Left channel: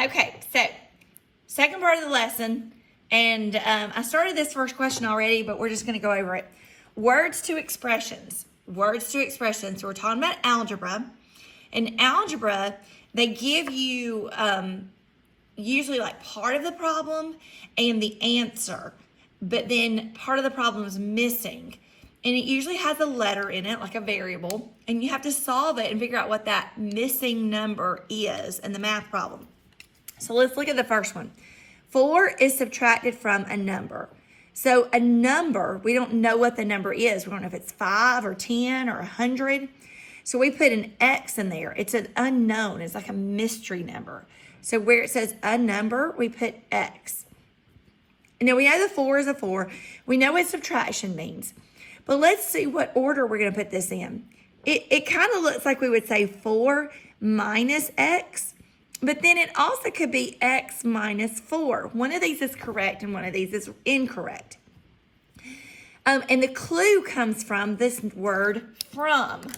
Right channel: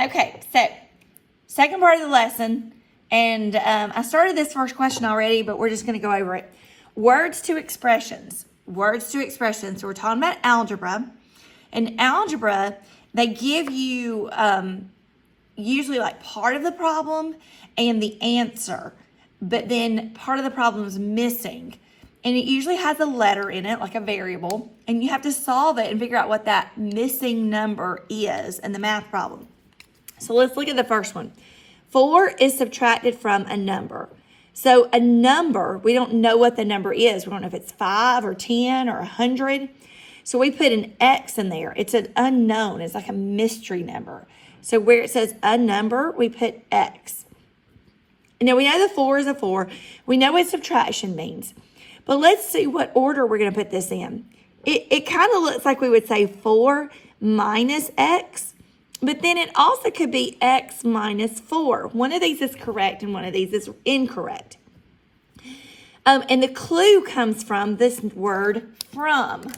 Okay, so second part of the lesson, and I started this first question already, but we're just going to go over it. Words to expressions. Words to expressions. So we're talking about algebra. In algebra, they give you usually like part of the problem and the answer, but then part of the problem is missing. And it usually has a letter in it, like a variable, and you have to solve it and figure out what that missing number is in the math problem. So let's look at the first one. 4 is subtracted from a number. So a number, we don't know what the number is. We don't know if it's 5 or 10 or 100. So we put an X in there. It's an unknown. It's like a mystery number. So where it says a number, we put X. Now we know the 4 is a 4. We know what subtraction means. But let's see what order we're going to put this in. It kind of looks like we would say 4 minus X. But then it also could be X minus 4. One of these is correct and one of these is incorrect. And the clue comes from this word from.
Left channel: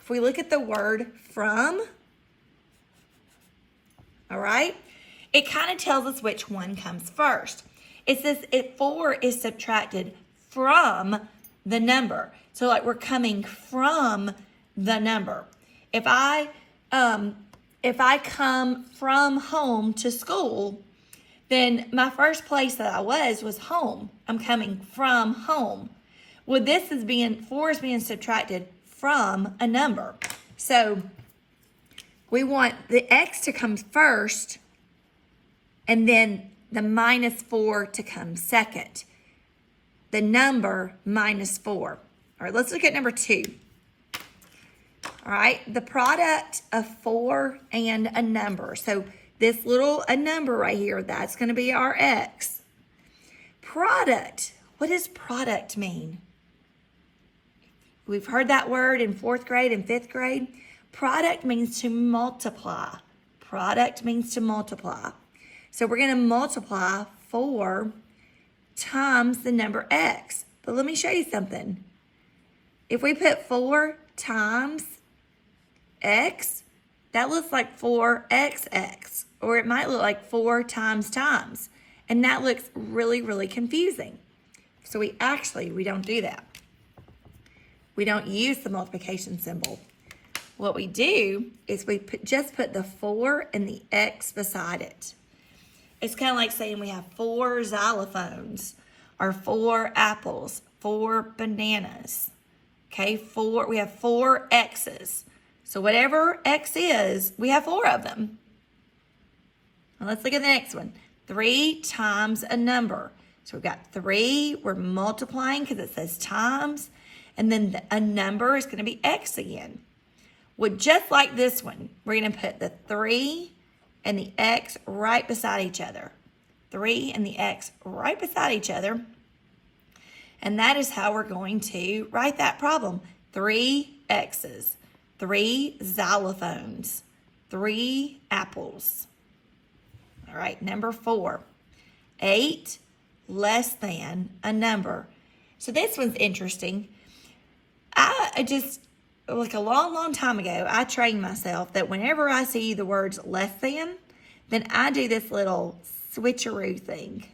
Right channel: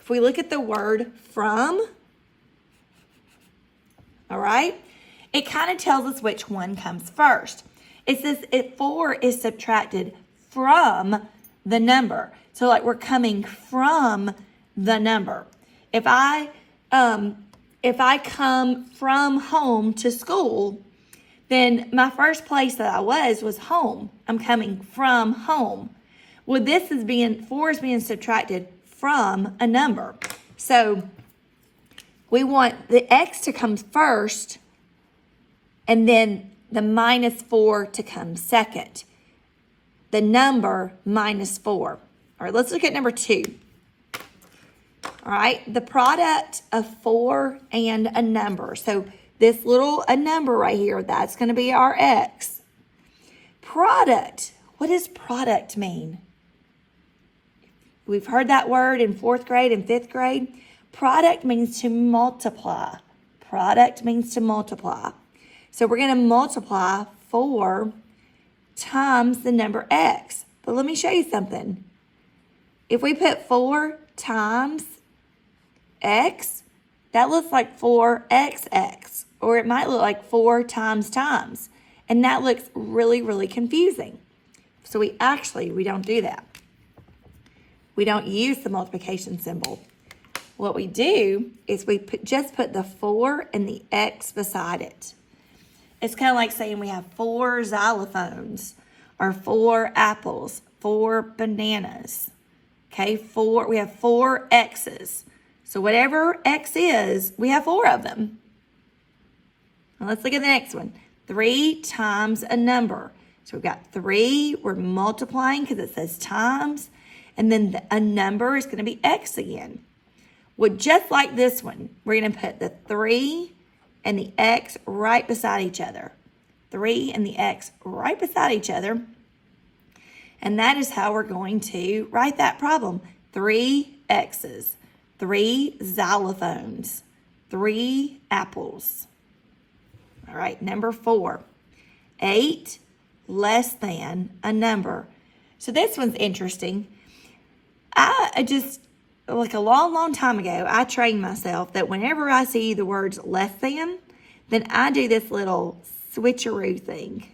If we look at the word from, all right, it kind of tells us which one comes first. It says 4 is subtracted from the number. So like we're coming from the number. If I come from home to school, then my first place that I was home. I'm coming from home. Well, 4 is being subtracted from a number. So we want the X to come first and then the minus 4 to come second. The number minus 4. All right, let's look at number 2. All right, the product of 4 and a number. So this a number right here, that's going to be our X. Product. What does product mean? We've heard that word in 4th grade and 5th grade. Product means to multiply. Product means to multiply. So we're going to multiply 4 times the number X. But let me show you something. If we put 4 times X, that looks like 4XX, or it might look like 4 times, and that looks really, really confusing. So we don't do that. We don't use the multiplication symbol. What we do is we just put the 4 and the X beside it. It's kind of like saying we have 4 xylophones, or 4 apples, 4 bananas. Okay, we have 4 X's. So whatever X is, we have 4 of them. Now let's look at the next one. 3 times a number. So we've got 3, we're multiplying because it says times, and then a number is going to be X again. Well, just like this one, we're going to put the 3 and the X right beside each other. 3 and the X right beside each other. And that is how we're going to write that problem. 3 X's, 3 xylophones, 3 apples. All right, number 4. 8 less than a number. So this one's interesting. I just, like a long, long time ago, I trained myself that whenever I see the words less than, then I do this little switcheroo thing.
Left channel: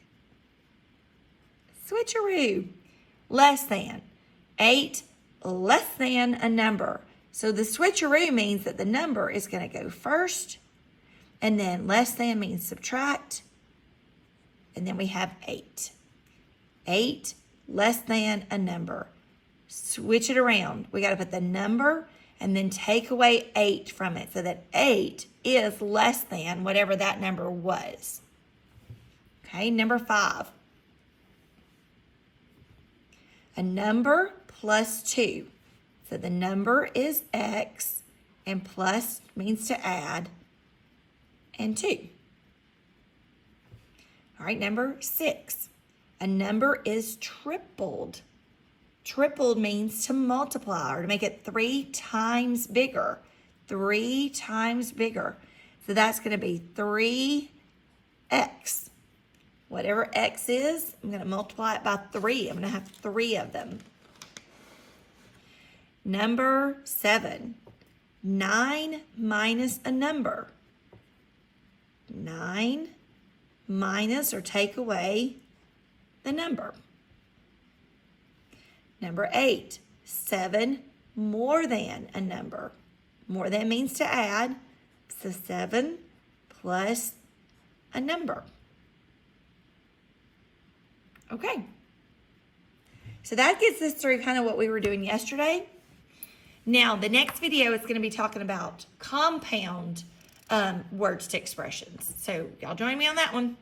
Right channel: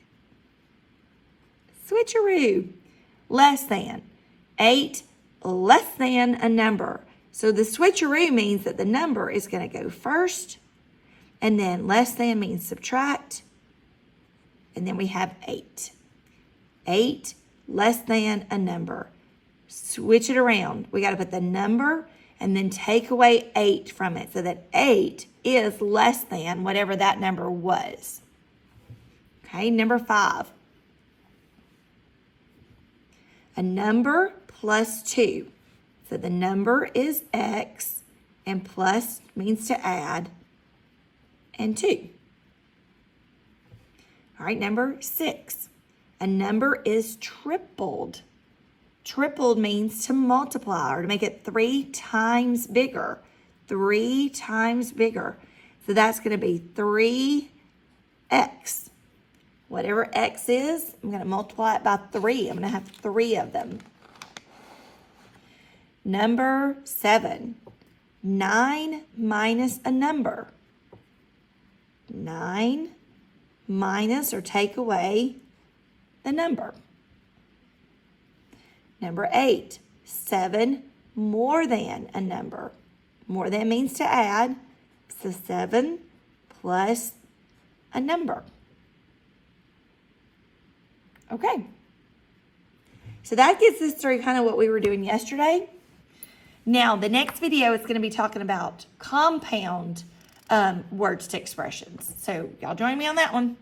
Switcheroo. Less than. 8 less than a number. So the switcheroo means that the number is going to go first, and then less than means subtract, and then we have 8. 8 less than a number. Switch it around. We got to put the number and then take away 8 from it so that 8 is less than whatever that number was. Okay, number 5. A number plus 2. So the number is X, and plus means to add, and 2. All right, number 6. A number is tripled. Tripled means to multiply or to make it 3 times bigger. 3 times bigger. So that's going to be 3x. Whatever x is, I'm going to multiply it by 3. I'm going to have 3 of them. Number 7. 9 minus a number. 9 minus or take away the number. Number 8, 7 more than a number. More than means to add, so 7 plus a number. Okay. So that gets us through kind of what we were doing yesterday. Now, the next video is going to be talking about compound words to expressions. So y'all join me on that one.